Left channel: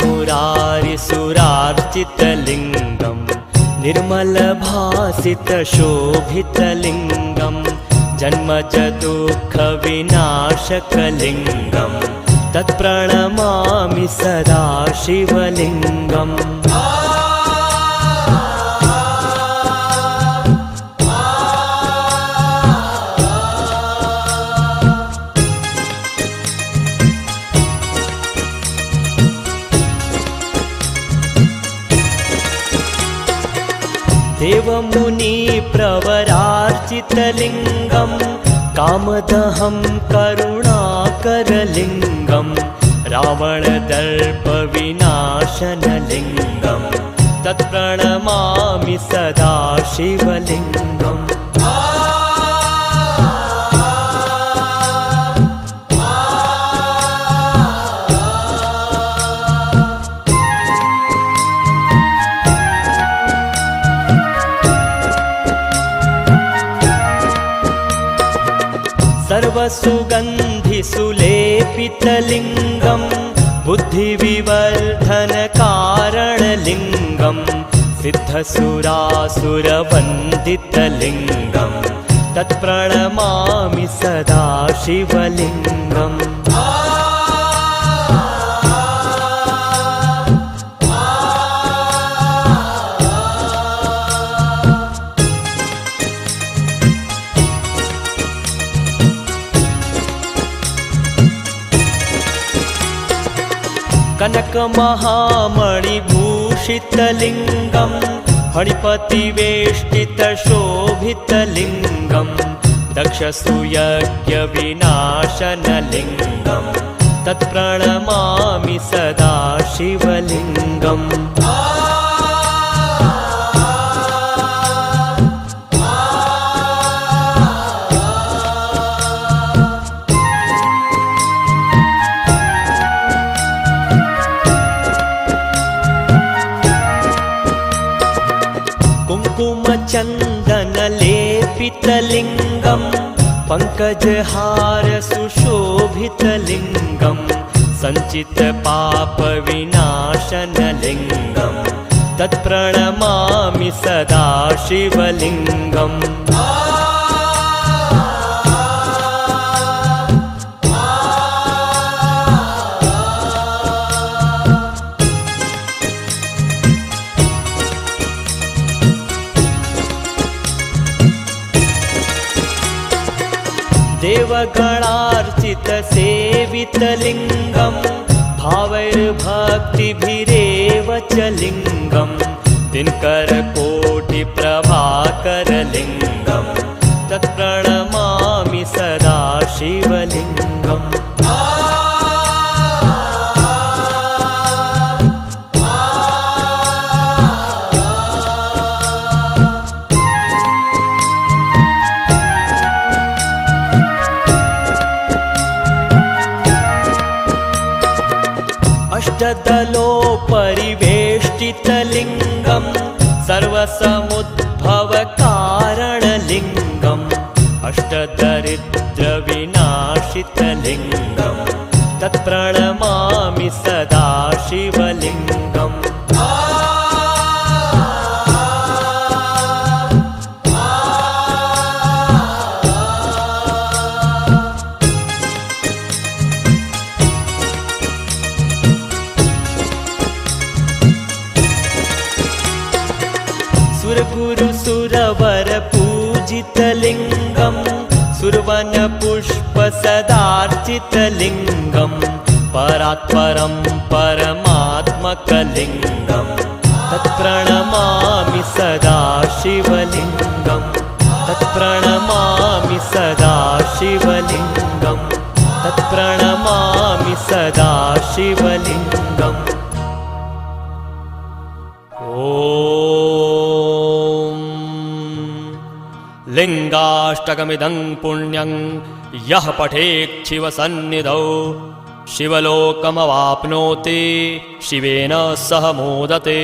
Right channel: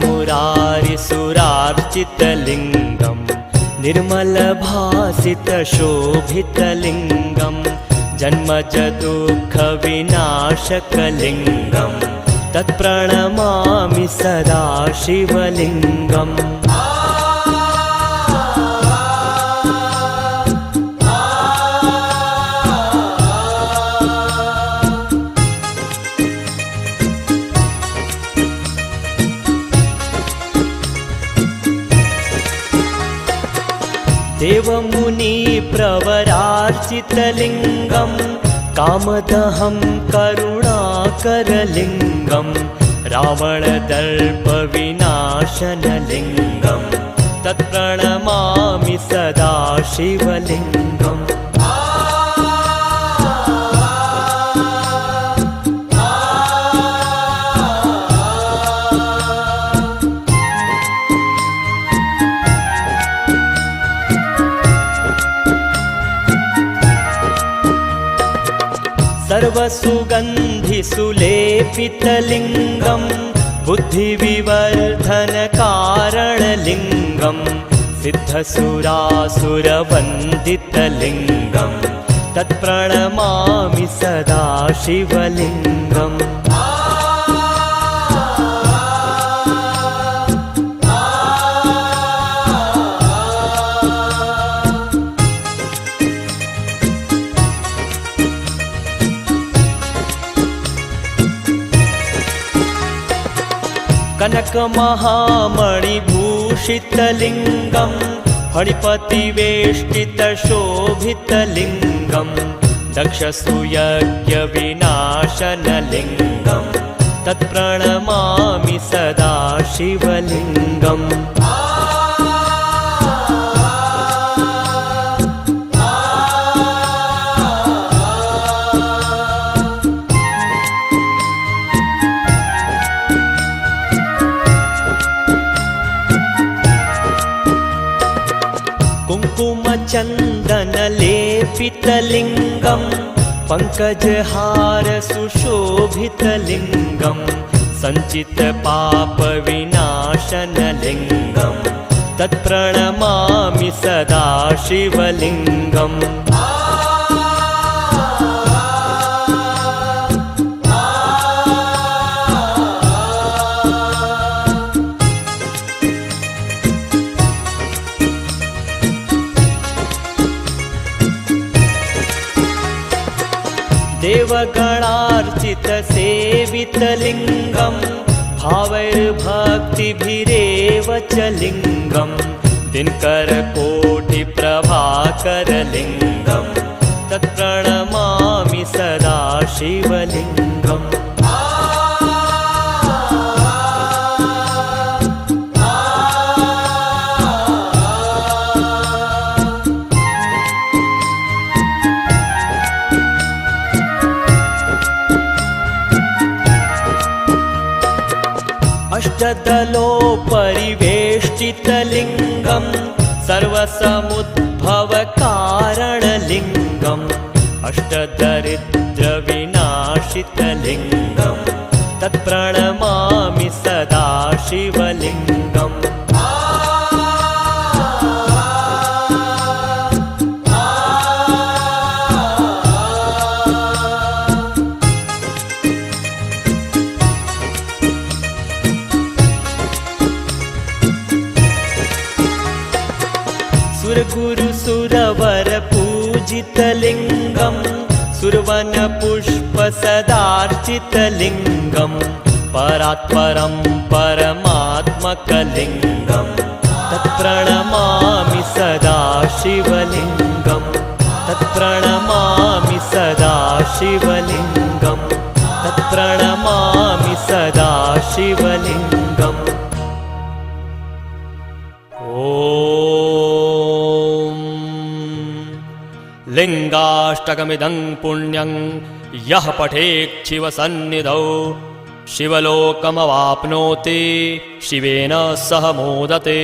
मुरारिसुरार्चितलिङ्गं निर्मलभासितशोभितलिङ्गं जन्मजदुःखविनाशकलिङ्गं तत्प्रणमामि सदा शिवलिङ्गम्। देवमुनिप्रवरार्चितलिङ्गं कामदहं करुणाकरलिङ्गं रावणदर्पविनाशनलिङ्गं तत्प्रणमामि सदा शिवलिङ्गम्। सर्वसुगन्धिसुलेपितलिङ्गं बुद्धिविवर्धनकारणलिङ्गं सिद्धसुरासुरवन्दितलिङ्गं तत्प्रणमामि सदा शिवलिङ्गम्। कनकमहामणिभूषितलिङ्गं फणिपतिवेष्टितशोभितलिङ्गं दक्षसूयज्ञविनाशनलिङ्गं तत्प्रणमामि सदा शिवलिङ्गम्। कुङ्कुमचन्दनलेपितलिङ्गं पङ्कजहारसुशोभितलिङ्गं सञ्चितपापविनाशनलिङ्गं तत्प्रणमामि सदा शिवलिङ्गम्। देवगणार्चितसेवितलिङ्गं भावैर्भक्तिभिरेव च लिङ्गं दिनकरकोटिप्रभाकरलिङ्गं तत्प्रणमामि सदा शिवलिङ्गम्। अष्टदलोपरिवेष्टितलिङ्गं सर्वसमुद्भवकारणलिङ्गम् अष्टदरिद्रविनाशितलिङ्गं तत्प्रणमामि सदा शिवलिङ्गम्। सुरगुरुसुरवरपूजितलिङ्गं सुरवनपुष्पसदार्चितलिङ्गं परात्परं परमात्मकलिङ्गं तत्प्रणमामि सदा शिवलिङ्गम्। तत्प्रणमामि सदा शिवलिङ्गम्। तत्प्रणमामि सदा शिवलिङ्गम्। ॐ लिङ्गाष्टकमिदं पुण्यं यः पठेत् शिवसन्निधौ शिवलोकमवाप्नोति शिवेन सह मोदते।